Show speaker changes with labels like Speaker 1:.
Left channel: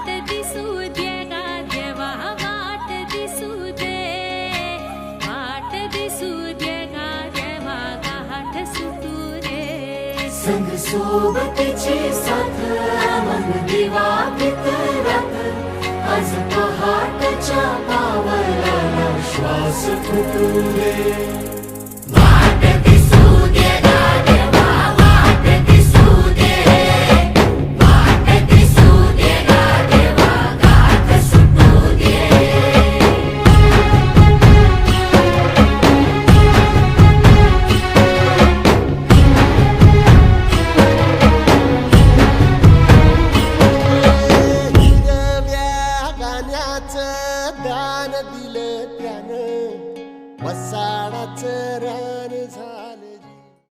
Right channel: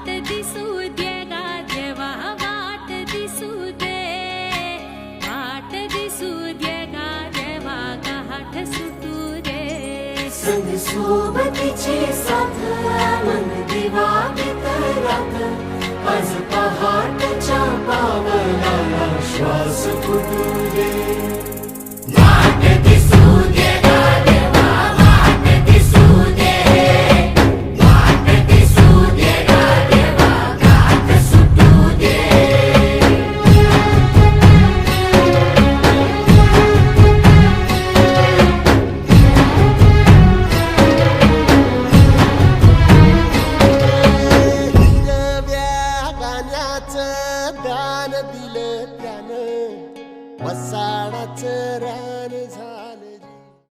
Speaker 1: वाट दिसू दे गा देवा वाट दिसू दे. वाट दिसू दे गा देवा गाठ सुटू दे.
Speaker 2: संग सोबतीची
Speaker 3: हिरव्या दान दिलं त्यानं. वसाडाचं रान झालं.